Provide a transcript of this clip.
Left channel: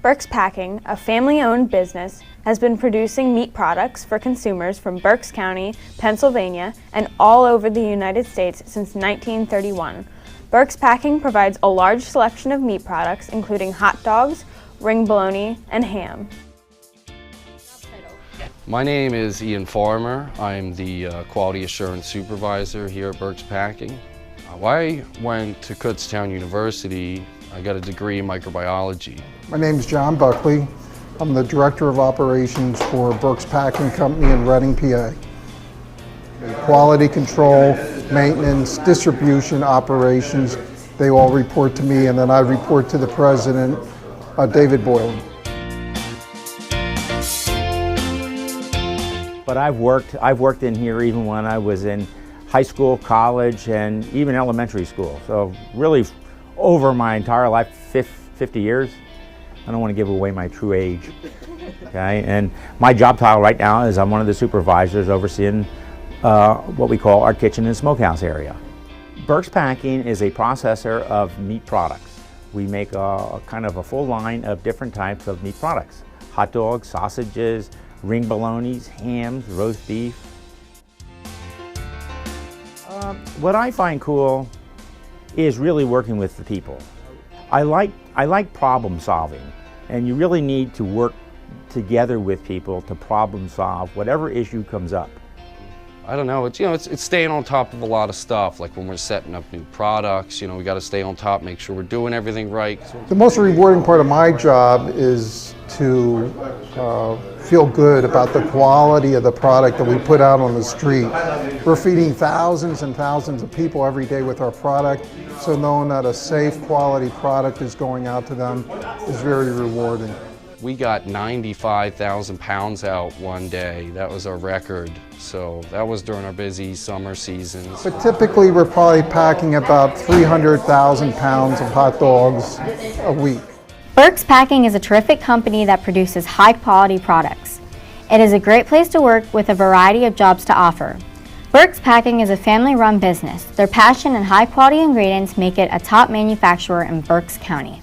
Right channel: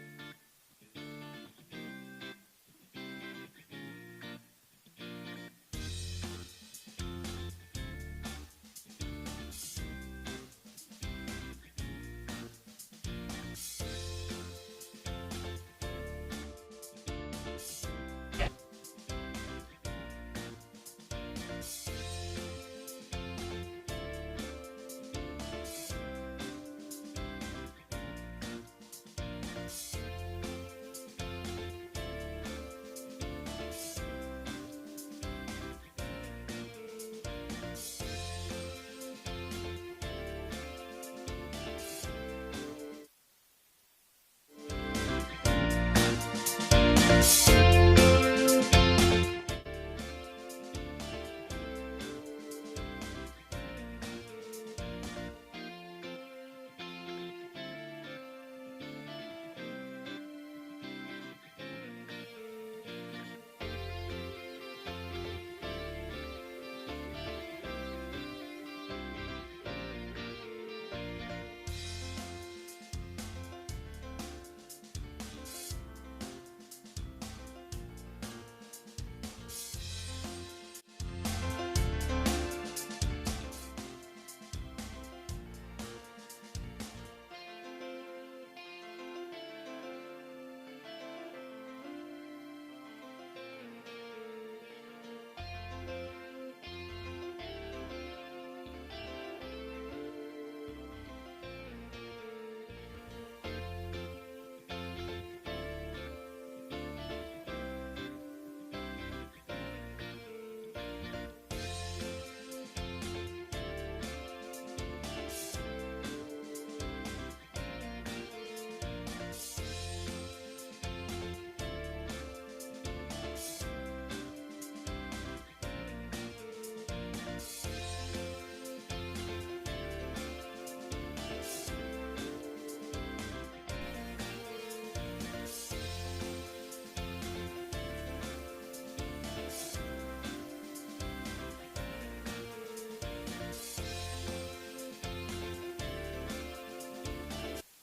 Berks Packing, a family-owned business, has been producing meat products for consumers from Berks County, Pennsylvania, and all over the United States since 1931. Berks Packing provides a large selection of meat products, including hot dogs, ring bologna, and ham. My name is Ian Farmer. I'm the Quality Assurance Supervisor here at Berks Packing. I went to Kutztown University. I got a degree in microbiology. My name is John Buckley. I'm the Director of Operations for Berks Packing Company in Reading, PA. Quality control, maintenance, distribution, operations, they all report to me, and then I report to the President, David Boylan. But I've worked in here even when I was in high school, college, and even elementary school. So really over my entire life, 50 years. I don't want to give away my true age, okay? And my job title right now is I'm one of the supervisors overseeing what we call our kitchen and smokehouse area. Berks Packing is a processor of meat products. We make a kind of a full line of different types of meat products. Hot dogs, sausages, ring bolognas, hams, roast beef. What I find cool is really working with the people. I like problem solving, and you really need to work together with people to problem solve whatever issue comes up. I don't know, it's staying on top of a lot of stuff, like when we're setting up new products, we got to stay on top, make sure we're doing everything right. The most rewarding part of my job is to feel good about the quality of the product that we put out on the street. We're feeding thousands and thousands of people every day with our product, so knowing that a safe, quality product is going out to them is very rewarding. We got 95,000 pounds out one day. That was our record. So that was during our busy summer seasons. But typically we're probably packing about 300,000 pounds of hot dogs a week. Berks Packing is a terrific company that produces high-quality products. It is a great place to work with a variety of jobs to offer. Berks Packing is a family-run business. Their passion and high-quality ingredients make it a top manufacturer in Berks County.